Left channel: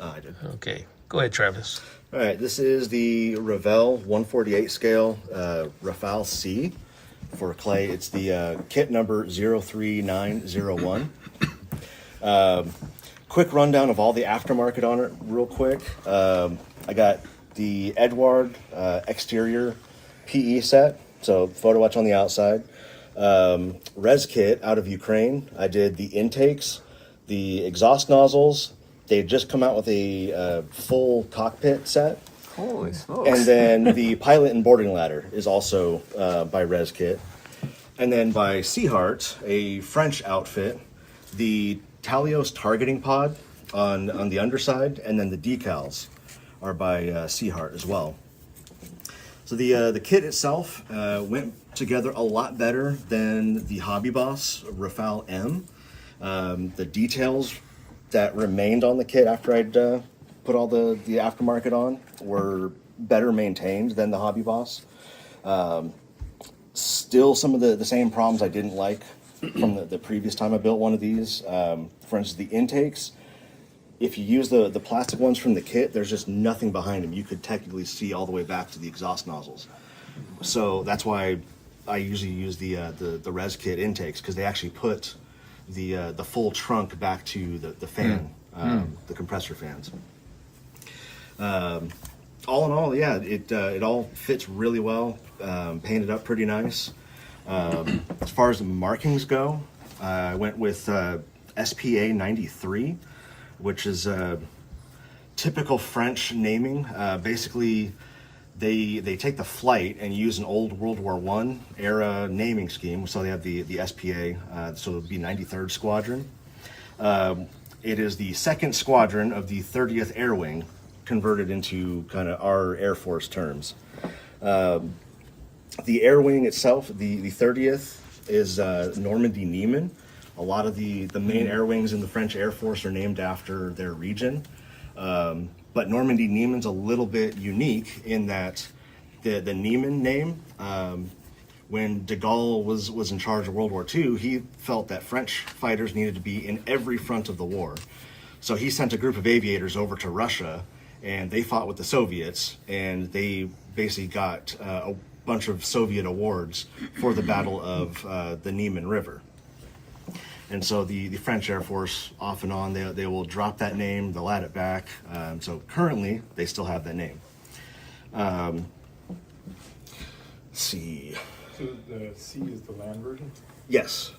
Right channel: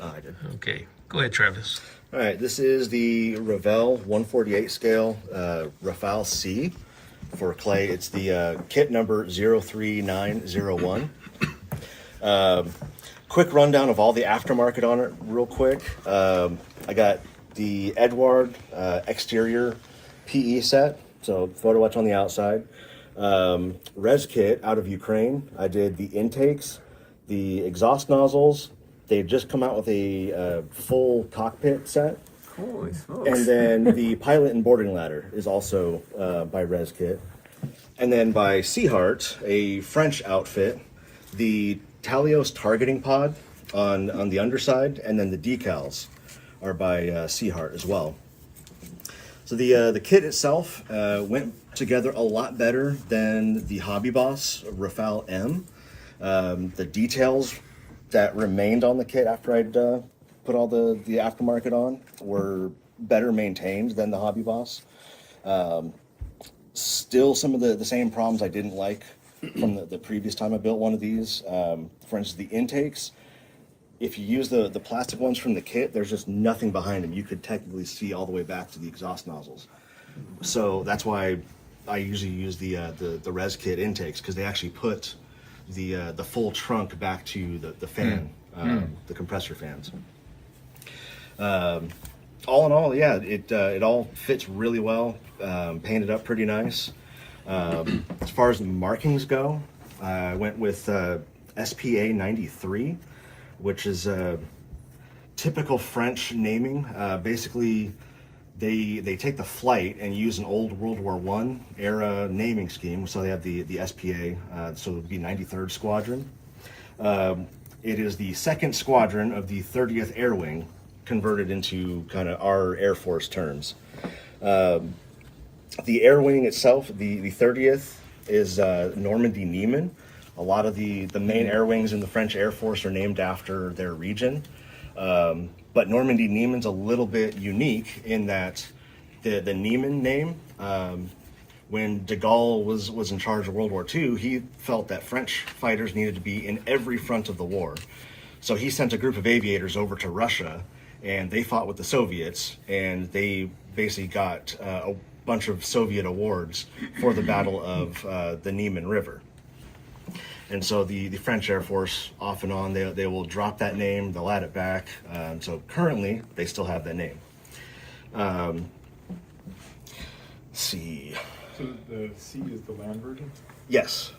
I did. Okay. Go ahead, Travis. All right, this is the Revell 148 scale Rafale C for clay. It's the kit number 03901. Quick rundown of all the aftermarket on it real quick. I got the Edward exterior PE set, so photo watch on the outside. Res kit out of Ukraine. I did the intakes, the exhaust nozzles. They've just come out with a full cockpit set. Holy smokes. And then the pilot and boarding ladder is also by Res Kit. And then by Seahart, a French outfit, the Talios targeting pod on the underside, and then the decals are by Seahart as well. So the kit itself went together a lot better than the Hobby Boss Rafale M. The details that remained on the kit after I'd put all the aftermarket on were better maintained than the Hobby Boss. Still some of the same problems I didn't like from the previous time I built one of these. For instance, the intakes, if you use the plastic ones from the kit, there's just nothing behind them. You could technically see all the way back to the exhaust nozzles. So that's why I usually use the Res Kit intakes, because they actually put the full trunk back to the fan, the compressor fans. All in all, yeah, it all fits really well. Painted up pretty nice. As far as the markings go, I went with SPA 93, which is typical French naming. Basically, they take the flight and use an old World War I era naming scheme. So they have the SPA, so it would be 93rd Squadron. It is the 2nd Squadron of the 30th Air Wing, converted into kind of our Air Force terms. The Air Wing itself, the 30th, is Normandy Neiman. A lot of the main air wings in the French Air Force are named after their region. But Normandy Neiman's a little bit unique in that the Neiman name, when de Gaulle was in charge of World War II, he felt that French fighters needed to be in every front of the war. So he sent a group of aviators over to Russia, and they fought with the Soviets, and they basically got a bunch of Soviet awards for the Battle of the Niemen River. And so the French Air Force, off and on, they will drop that name, they'll add it back. So currently, they still have that name. Let's see. So the C is the land version? Yes.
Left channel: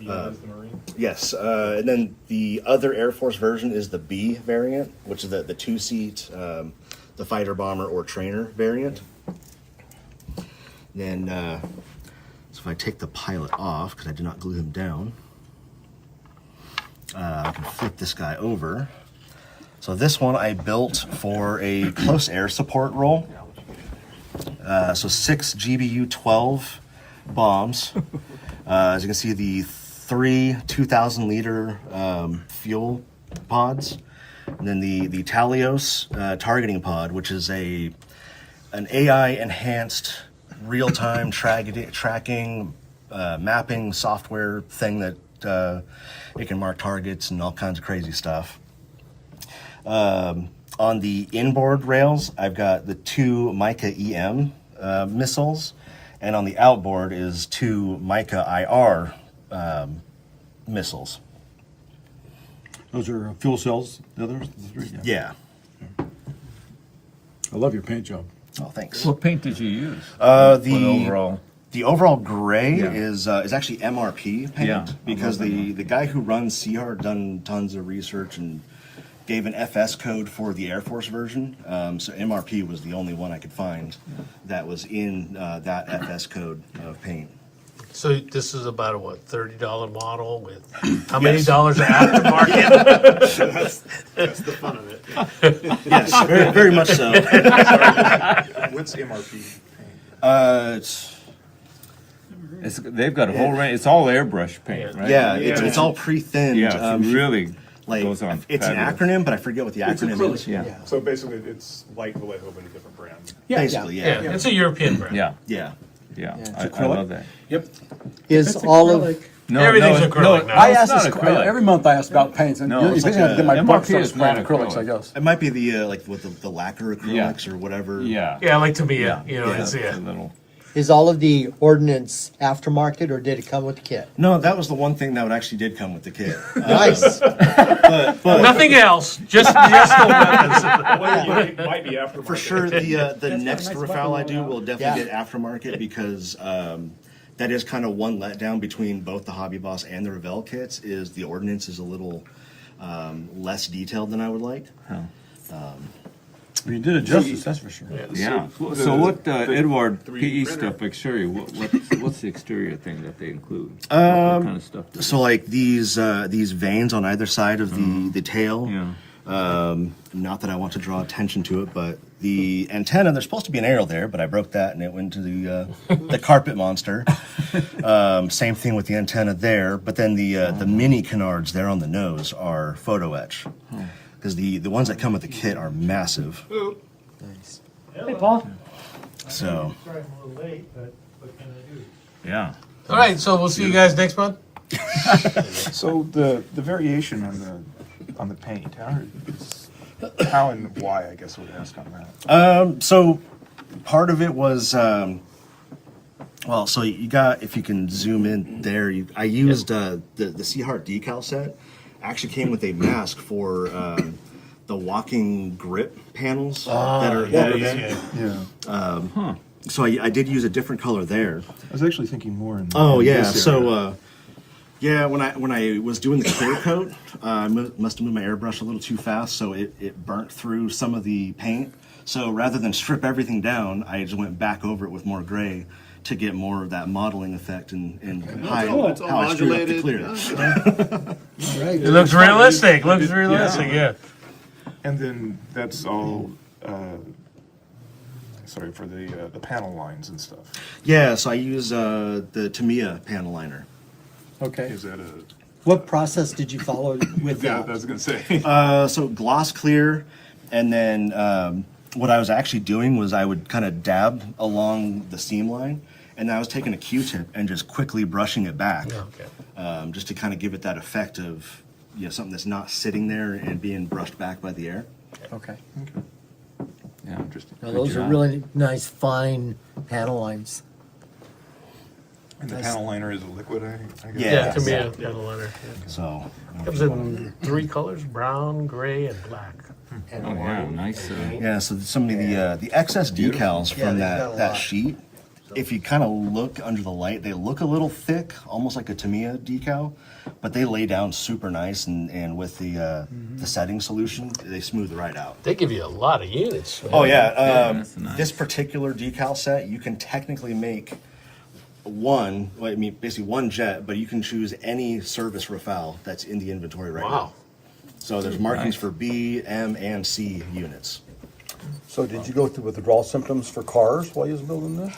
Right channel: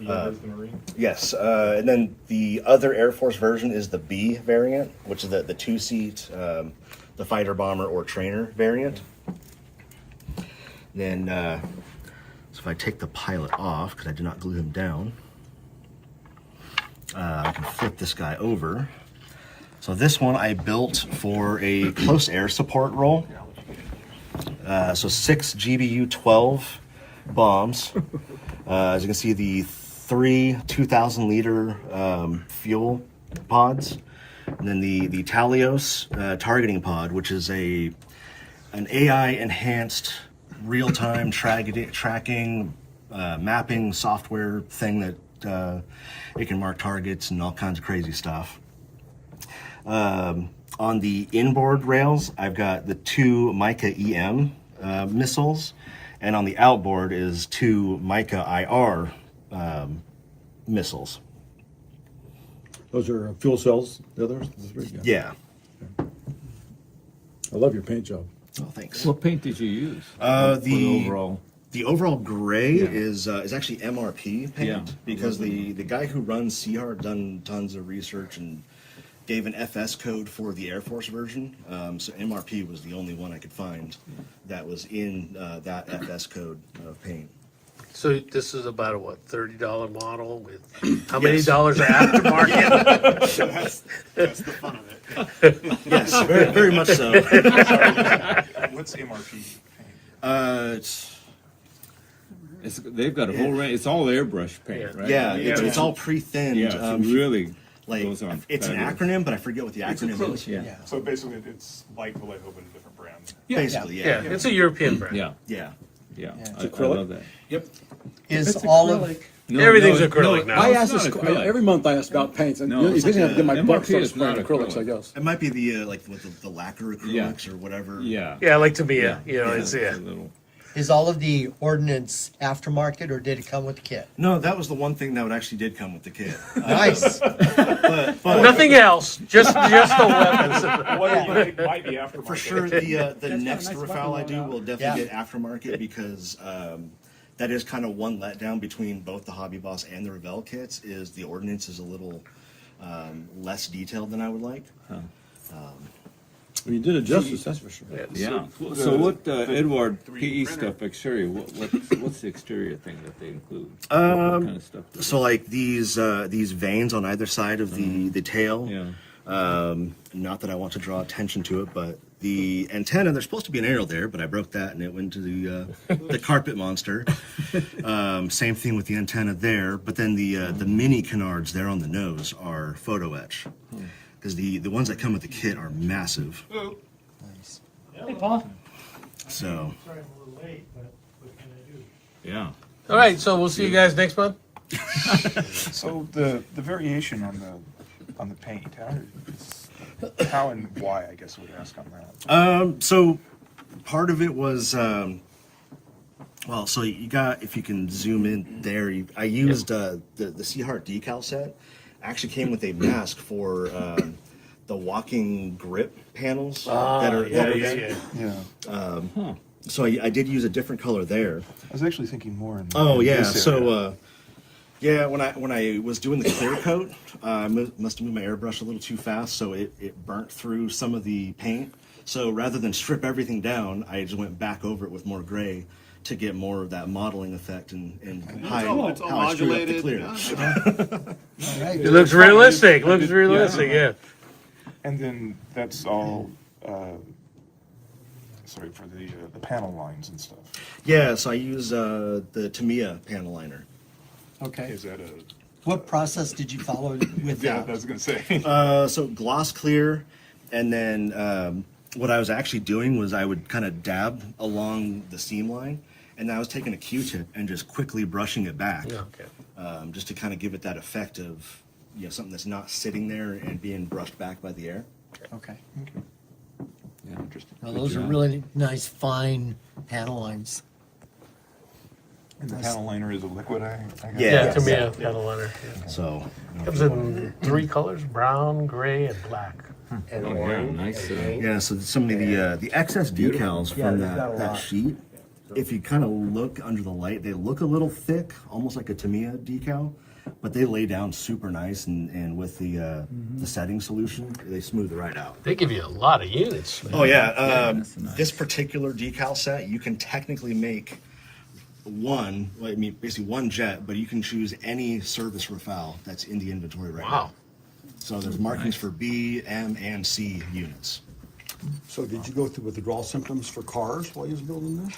The M is the Marine? Yes. And then the other Air Force version is the B variant, which is the 2-seat, the fighter bomber or trainer variant. Then, so if I take the pilot off, because I did not glue him down, I can flip this guy over. So this one I built for a close air support role. So 6 GBU-12 bombs. As you can see, the 3 2,000-liter fuel pods. And then the Talios targeting pod, which is an AI-enhanced real-time tracking, mapping software thing that it can mark targets and all kinds of crazy stuff. On the inboard rails, I've got the 2 Mica EM missiles, and on the outboard is 2 Mica IR missiles. Those are fuel cells, the others? The 3? Yeah. I love your paint job. Oh, thanks. What paint did you use? The overall gray is actually MRP paint, because the guy who runs Seahart done tons of research and gave an FS code for the Air Force version. So MRP was the only one I could find that was in that FS code of paint. So this is about a $30 model with how many dollars of aftermarket? That's the fun of it. Yes, very, very much so. What's MRP paint? They've got a whole range. It's all airbrush paint, right? Yeah, it's all pre-thinned. Yeah, it's really like goes on. It's an acronym, but I forget what the acronym is. Yeah. So basically, it's like Vallejo, but a different brand. Basically, Yeah, it's a European brand. Yeah. Yeah. Yeah. It's I acrylic? love that. Yep. Is all of No, Everything's no, acrylic no, now. I it's ask not this acrylic. every month. I ask about paints, and No, you it's eventually like have to get my a- butt MRP start is spraying not acrylics, I acrylic. guess. It might be the like with the lacquer acrylics or whatever. Yeah. Yeah, like to be you know, Yeah. it's It's a little. Is all of the ordnance aftermarket, or did it come with the kit? No, that was the one thing that actually did come with the kit. Nice. But nothing else, just the weapons. Might be aftermarket. for sure, the next Rafale I do will definitely Yeah. get aftermarket because that is kind of one letdown between both the Hobby Boss and the Revell kits. Is the ordnance is a little less detailed than I would like. Well, you did it justice, that's for sure. Yeah. So what Edward 3D PE printer. stuff exterior? What's the exterior thing that they include? What kind of stuff? So like these veins on either side of the tail. Yeah. Not that I want to draw attention to it, but the antenna, there's supposed to be an arrow there, but I broke that and it went to the carpet monster. Same thing with the antenna there, but then the mini canards there on the nose are photo etch. Because the ones that come with the kit are massive. Nice. Hey, Paul. So Sorry I'm a little late, but what can I do? Yeah. All right, so we'll see you guys next month. So the variation on the paint, how and why, I guess we'd ask on that. so part of it was well, so you got, if you can zoom in there, I used the Sea Heart decal set. Actually came with a mask for the walking grip panels that are there. Yeah. So I did use a different color there. I was actually thinking more in. Oh in yeah, this so area. yeah, when I was doing the clear coat, I must have moved my airbrush a little too fast, so it burnt through some of the paint. So rather than strip everything down, I just went back over it with more gray to get more of that modeling effect and hide It's all how I screwed up the modulated. clear. It looks realistic. Looks realistic. Yeah. And then that's all. Sorry for the panel lines and stuff. Yeah, so I use the Tamiya panel liner. Okay. Is that a? What process did you follow with Yeah, that? I was gonna say. So gloss clear, and then what I was actually doing was I would kind of dab along the seam line, and I was taking a Q-tip and just quickly brushing it back, just to kind of give it that effect of something that's not sitting there and being brushed back by the air. Okay. Yeah. Interesting. Now, Good those are job. really nice, fine panel lines. And the panel liner is a liquid. I guess. Yeah, to me, a panel liner. Yeah. So Comes in 3 colors: brown, gray, and black. Oh yeah. Nice. yeah, so some of the excess decals Yeah, from they've got a that lot. sheet, if you kind of look under the light, they look a little thick, almost like a Tamiya decal, but they lay down super nice, and with the setting solution, they smooth right out. They give you a lot of units. Oh yeah, that's nice. this particular decal set, you can technically make one, well, I mean basically one jet, but you can choose any service Rafale that's in the inventory right now. Wow. So there's markings Nice. for B, M, and C units. So did you go through withdrawal symptoms for cars while you was building this?